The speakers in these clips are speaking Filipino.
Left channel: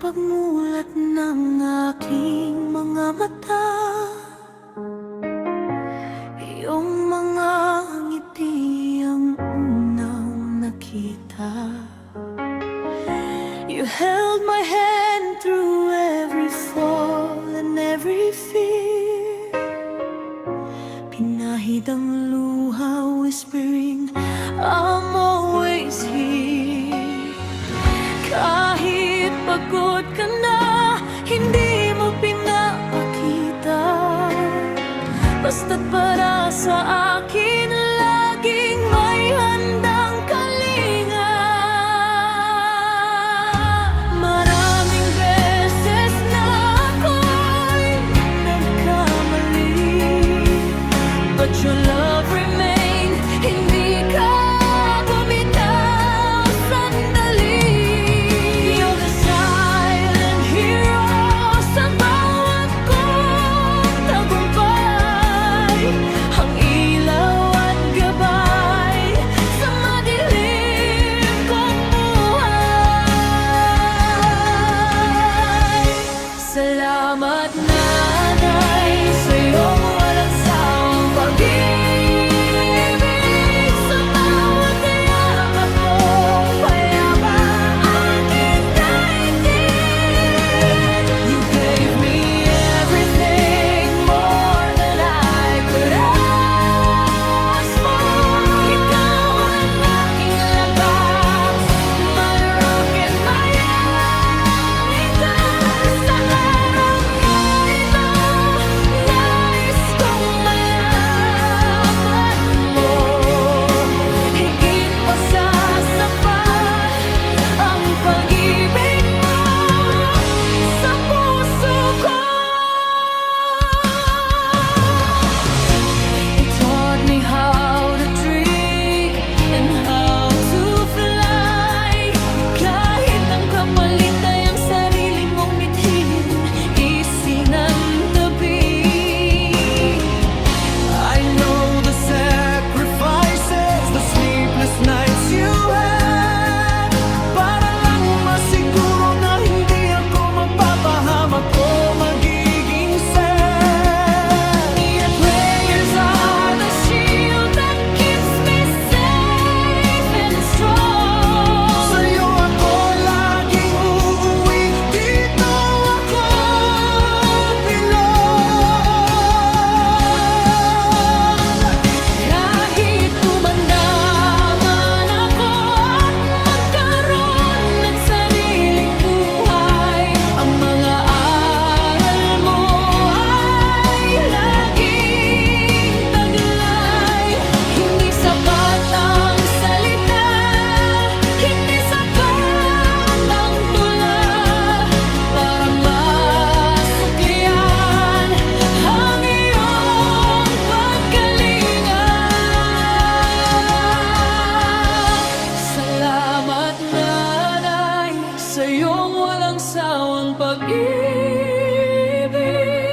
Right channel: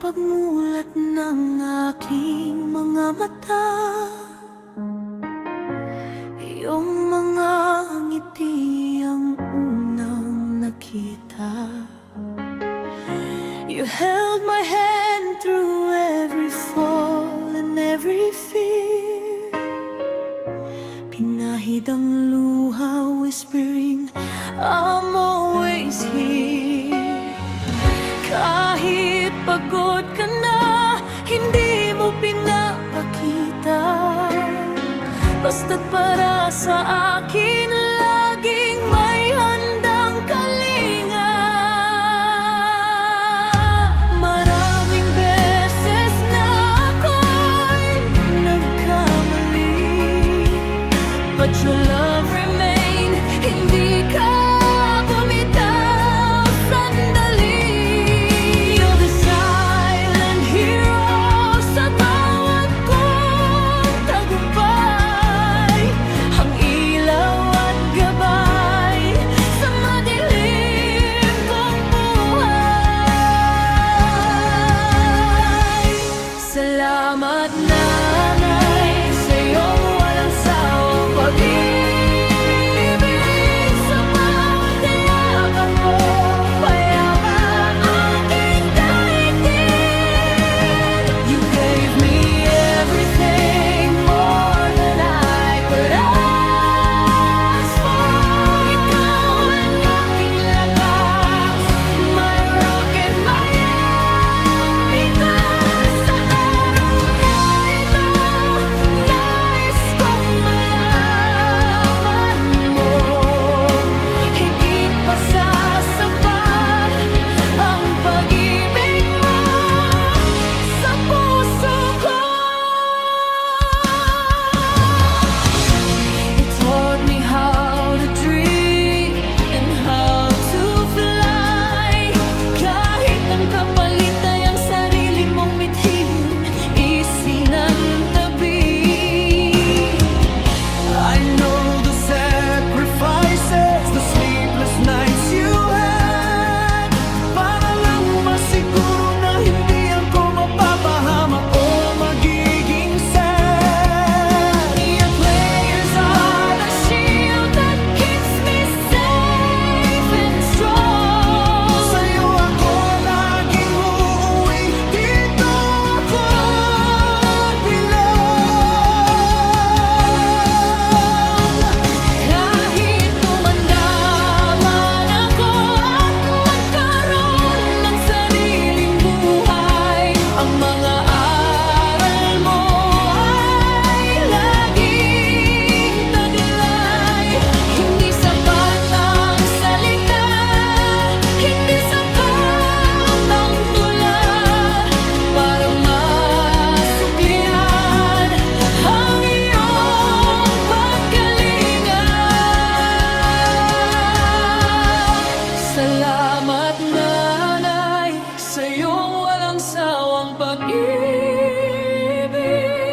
pagmulat ng aking mga mata, iyong mga ngiti ang unang nakita. You held my hand through every fall and every fear. Pinahid ang luha, whispering, I'm always here. Kahit pagod ka na, hindi mo pinapakita. Basta't para sa akin, laging may handang kalinga. Maraming beses na ako'y nagkamali, but your love remained, hindi ka bumitaw sandali. You're the silent hero sa bawat kong tagumpay, ang ilaw at gabay sa madilim kong buhay. Salamat, Nanay, sa iyong walang sawang pag-ibig. Sa bawat yakap mo, payapa aking daigdig. You gave me everything, more than I could ask for. Ikaw ang aking lakas, my rock and my anchor. Sa araw na ito, nais kong malaman mo, higit pa sa sapat ang pag-ibig mo sa puso ko. It taught me how to dream and how to fly. Kahit ang kapalit ay ang sarili mong mithiin, isinantabi. I know the sacrifices, the sleepless nights you had, para lang masiguro na hindi ako mapapahamak o magiging sad. Your prayers are the shield that keeps me safe and strong. Sa'yo ako laging uuwi, dito ako belong. Kahit tumanda man ako at magkaroon ng sariling buhay, ang mga aral mo ay laging taglay. Hindi sapat ang salita, hindi sapat ang tula, para masuklian ang iyong pagkalinga. Salamat, Nanay, sa iyong walang sawang pag-ibig.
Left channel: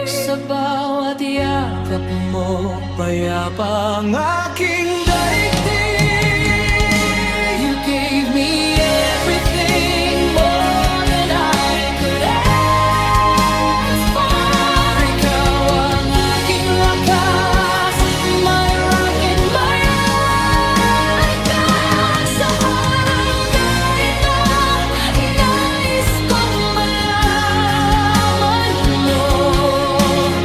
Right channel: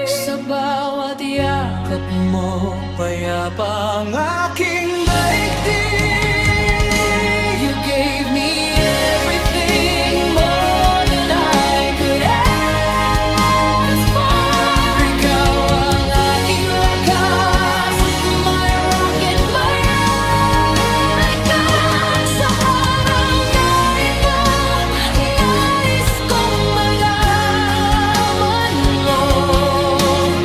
Sa bawat yakap mo, payapa ang aking daigdig. You gave me everything, more than I could ask for. Ikaw ang aking lakas, my rock and my anchor. Sa araw na ito, nais kong malaman mo,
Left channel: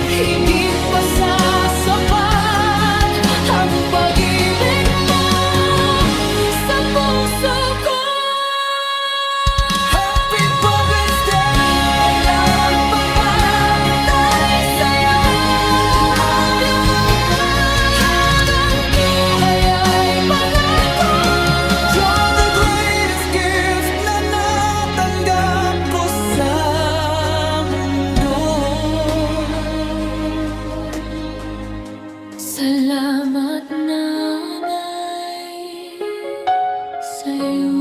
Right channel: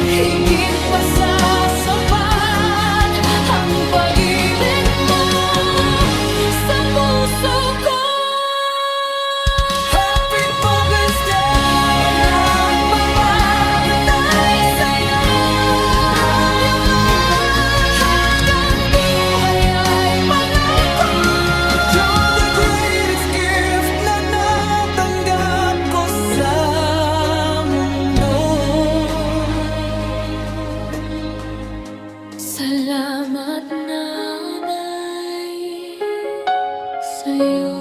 higit pa sa sapat ang pag-ibig mo sa puso ko. Happy Father's Day! Magpapatay sa'yo, love you all. Hanggang buhay ay pangako. You're the greatest gift na natanggap ko sa mundo. Salamat, Nanay, sa'yo.